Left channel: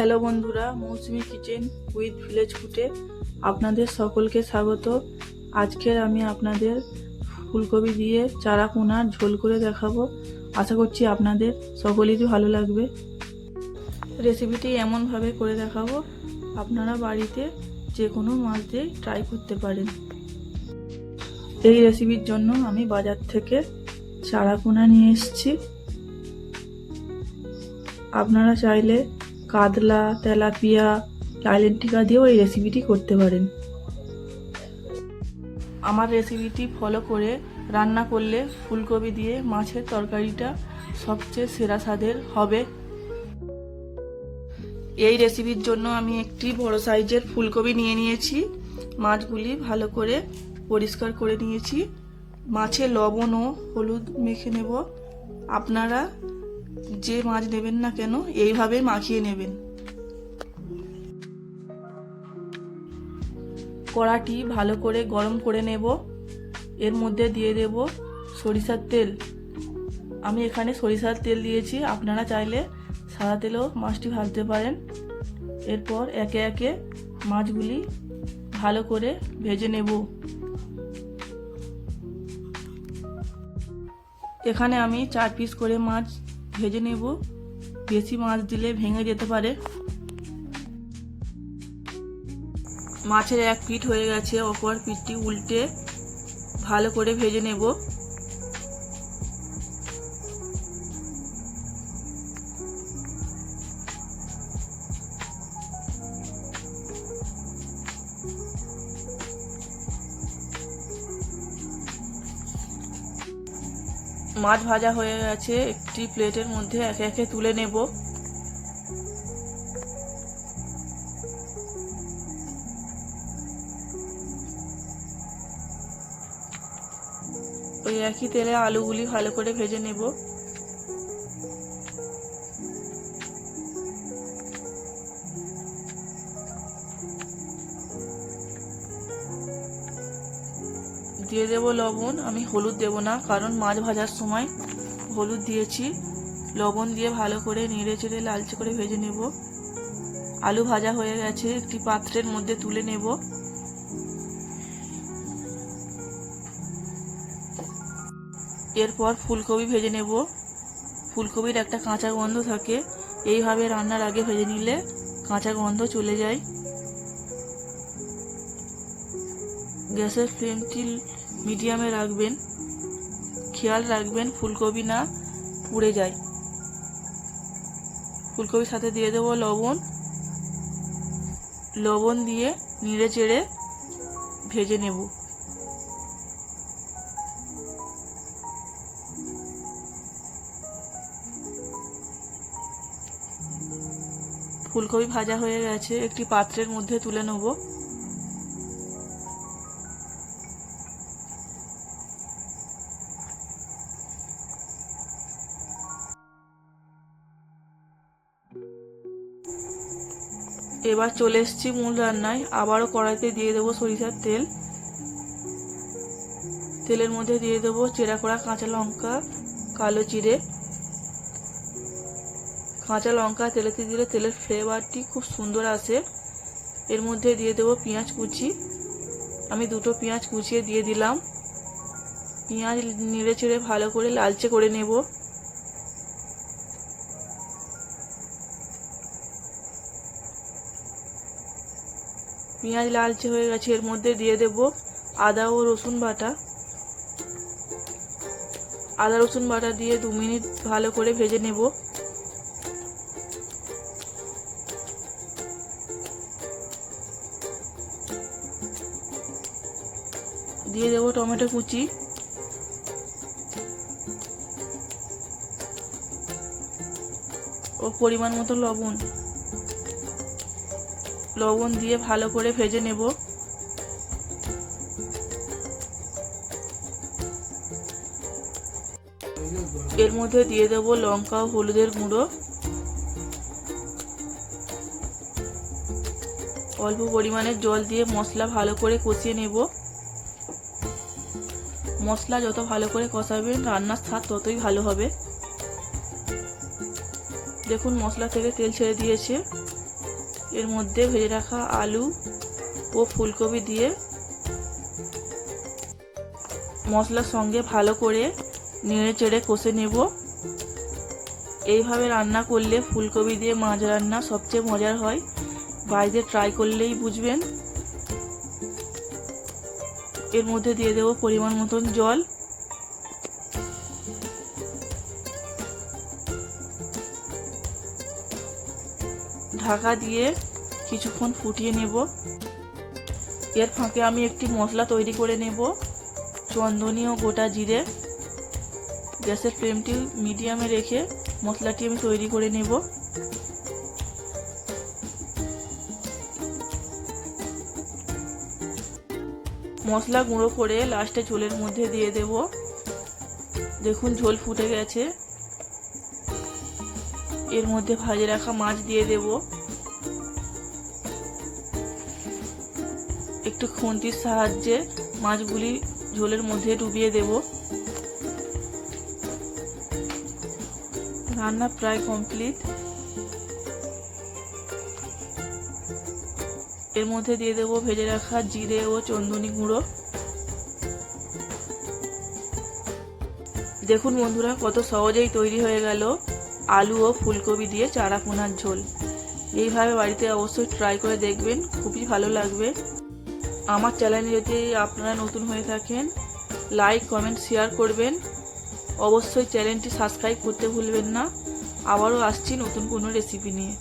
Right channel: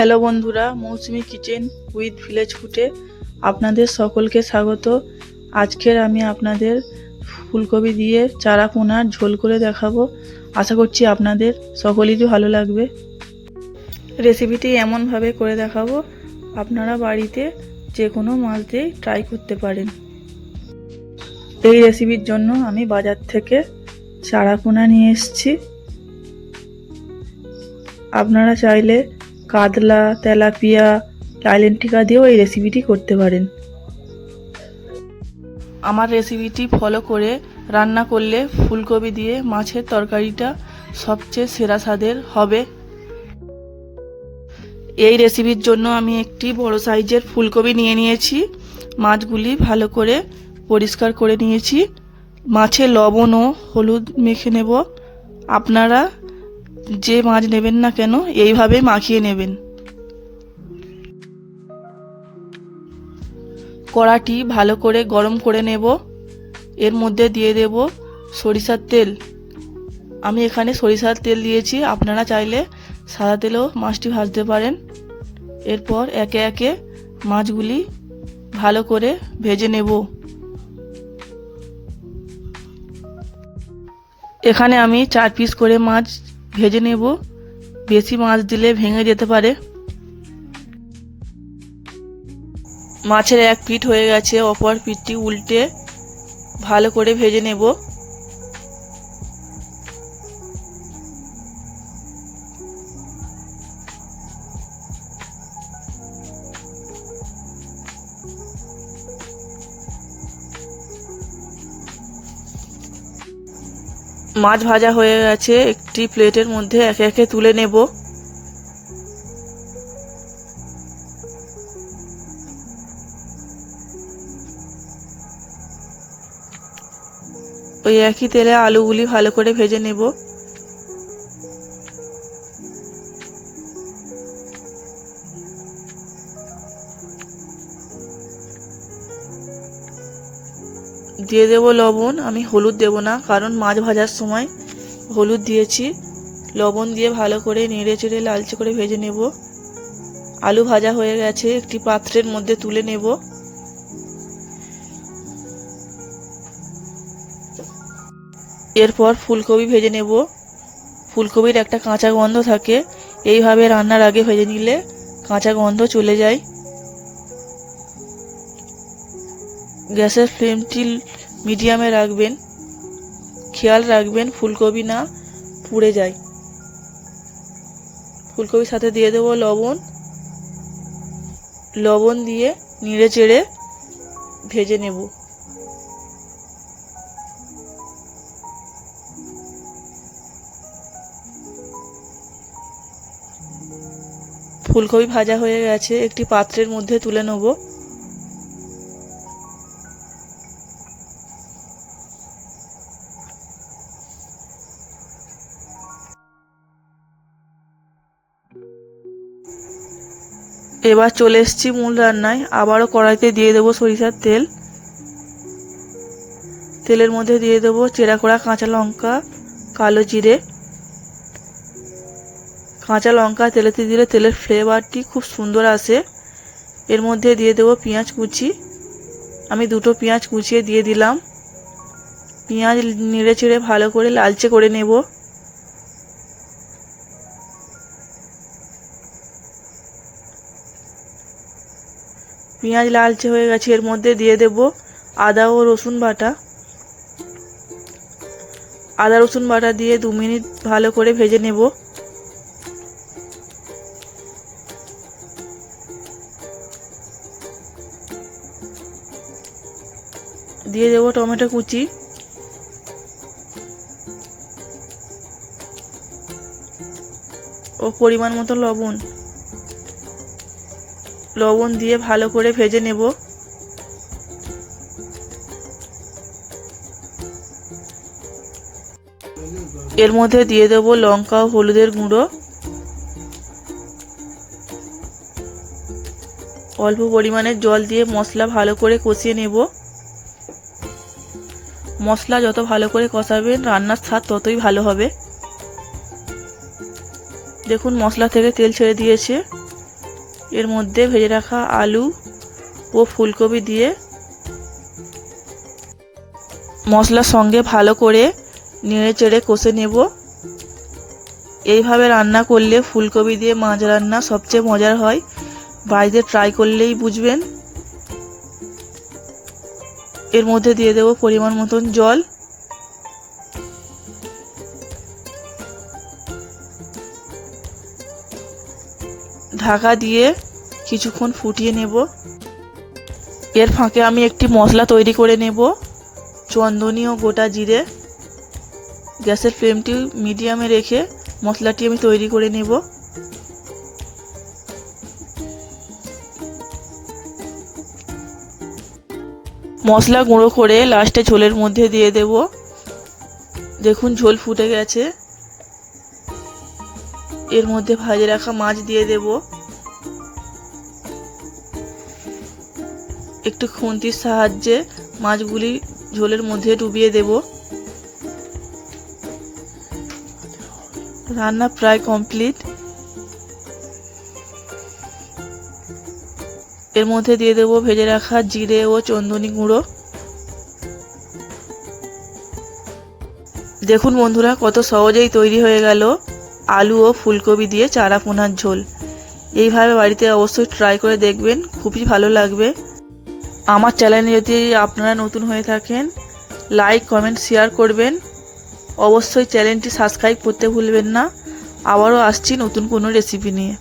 Hello বন্ধুরা, মৌসুমি kitchen with village ফুডে আপনাদের সকলকে স্বাগত। আজকের আমি আপনাদের ফুলকপি দিয়ে চারা পোনার ঝোল করে দেখাবো। আশা করছি আপনাদের সকলেরই ভালো লাগবে। রেসিপিটি এমনভাবে করে দেখাবো আপনারা বাড়িতে যে কোনো মাছ দিয়ে ট্রাই করতে পারেন। এই রেসিপির জন্য আমি বাজার থেকে চারা পোনা নিয়ে এসেছি। আপনারা চাইলে কাতলা, তেলাপিয়া, লাইলেন্টিকা দিয়েও এই রেসিপিটি করতে পারেন। আমার রেসিপিটি ফলো করে রান্না করলে ফুলকপি দিয়ে মাছের তরকারিটা সবচেয়ে সেরা স্বাদের হবে। এই রেসিপির জন্য আমি একটি বড় সাইজের ফুলকপি নিয়ে নিয়েছি। মাছগুলি ভালো করে পরিষ্কার করে নিয়েছি। মাছে লবণ ও হলুদ মেখে নেব। আপনারা যে মাছ নেবেন না কেন এইভাবে মাখিয়ে নেবেন। কড়াটি ভালো করে গরম করে নেব। এর মধ্যে দিয়ে দেব সরিষার তেল। আমি এখানে সরিষার তেল দিয়েছি, আপনারা চাইলে সাদা তেলেও মাছটি ভাজতে পারেন। এরপর একে একে মাছগুলি ভালো করে ভেজে নেব। এখানে আমি 4 পিস করে মাছ ভেজে নেব। বেশি মাছ দিলে ভেঙে যেতে পারে। মাছের এক পিঠ হয়ে গেছে, অপর পিঠটি উল্টে ভালো করে ভেজে নেব। মাছ ভাজা হয়ে গেছে, একটি প্লেটের মধ্যে একে একে তুলে নেব। ওই একই তেলে আলুগুলি ভালো করে ভেজে নেব। দিয়ে দেব লবণ। আমি হলুদ দেব না, কারণ মাছ ভাজার সময় হলুদ দিয়েছি। লবণ দিয়ে ভালো করে নেড়ে চেড়ে লালচে করে ভেজে নেব। আলু ভাজা হয়ে গেছে, একটি পাত্রের মধ্যে তুলে নেব। এরপর ফুলকপি ভেজে নেব। ফুলকপির একটা কাঁচা গন্ধ থাকে, এইভাবে রান্নার আগে ভেজে নিলে কাঁচা গন্ধ চলে যায়। গ্যাসের ফ্লেমটি মিডিয়ামে রাখবেন। খেয়াল রাখবেন ফুলকপি না পুড়ে যায়। ফুলকপির সাথে দিয়ে দেব লবণ। লবণ দিয়ে নেড়ে চেড়ে ভেজে নেব। ফুলকপি ভাজা হয়ে গেছে, একটি পাত্রের মধ্যে তুলে নেব। এবার চলে এসেছি মূল রান্নায়। আবারও কড়াইতে দিয়ে দেবো সরিষার তেল। তেলের মধ্যে দিয়ে দেবো চেরা করা কাঁচা লঙ্কা, কালো জিরে। কাঁচা লঙ্কা তেলেতে দিলে তেলের ফ্লেভারটি খুব সুন্দর আসে। এর মধ্যে দিয়ে দেবো পেঁয়াজ কুচি। আমি 2টো পেঁয়াজ কুচিয়ে দিয়ে দিলাম। পেঁয়াজ নেড়ে চেড়ে ভালো করে লালচে করে নেব। পেঁয়াজ লালচে হয়ে গেছে, এর মধ্যে দিয়ে দেব আদা ও রসুন বাটা। আদা রসুন বাটা দিয়ে 2 মিনিট ভালো করে ভেজে নেব। দিয়ে দেব টমেটো কুচি ও পরিমাণ মতো লবণ। লবণ দিয়ে ভালো করে ভেজে নেব। এর মধ্যে দিয়ে দেব লঙ্কা ও হলুদের গুঁড়ো। অল্প পরিমাণে জল দিয়ে মশলা ভালো করে কষিয়ে নেব। মশলা যত ভালো করে কষাবেন রান্নার স্বাদ ততই ভালো হবে। দেখুন মশলা থেকে তেল ছেড়ে দিয়েছে। এর মধ্যে ভেজে রাখা আলু ও ফুলকপি দিয়ে মশলার সঙ্গে ভালো করে নেড়ে চেড়ে কষে নেব। এইভাবে রান্না করলে ফুলকপি দিয়ে মাছ রান্না সবচেয়ে মজার হয়, বাড়িতে ট্রাই করলেই বুঝবেন। এর মধ্যে দিয়ে দেব পরিমাণ মতন জল। ঢাকা দিয়ে কিছুক্ষণ ফুটিয়ে নেব। এর ফাঁকে আমি একটি মশলা তৈরি করে নেব, চন্দনী ও গোটা জিরে। গ্যাসের ফ্লেমটি মিডিয়ামে রেখে মশলাটি আমি তৈরি করে নেব। মশলা গুঁড়ো করে লাস্টে ঝোলের মধ্যে দিয়ে দেব। দেখুন ঝোল ফুটে গেছে। এর মধ্যে ভাজে রাখা মাছ দিয়ে দেব। একটু খুন্তির সাহায্যে মাছগুলি ঝোলের মধ্যে ডুবিয়ে দেব। রান্না প্রায় কমপ্লিট। এর মধ্যে দিয়ে দেব ভেজে রাখা জিরে ও চন্দনী গুঁড়ো। দেখুন বন্ধুরা, কত সহজেই তৈরি হয়ে গেল আলু ও ফুলকপি দিয়ে চারা পোনার ঝোল। এইভাবে বাড়িতে অবশ্যই ট্রাই করে দেখবেন, খুবই ভালো লাগবে। আমার চ্যানেলে যদি আপনারা নতুন হয়ে থাকেন, লাইক কমেন্ট শেয়ার করবেন। অবশ্যই চ্যানেলটি সাবস্ক্রাইব করতে ভুলবেন না। আবারও আসছি নতুন কোনো রেসিপি নিয়ে।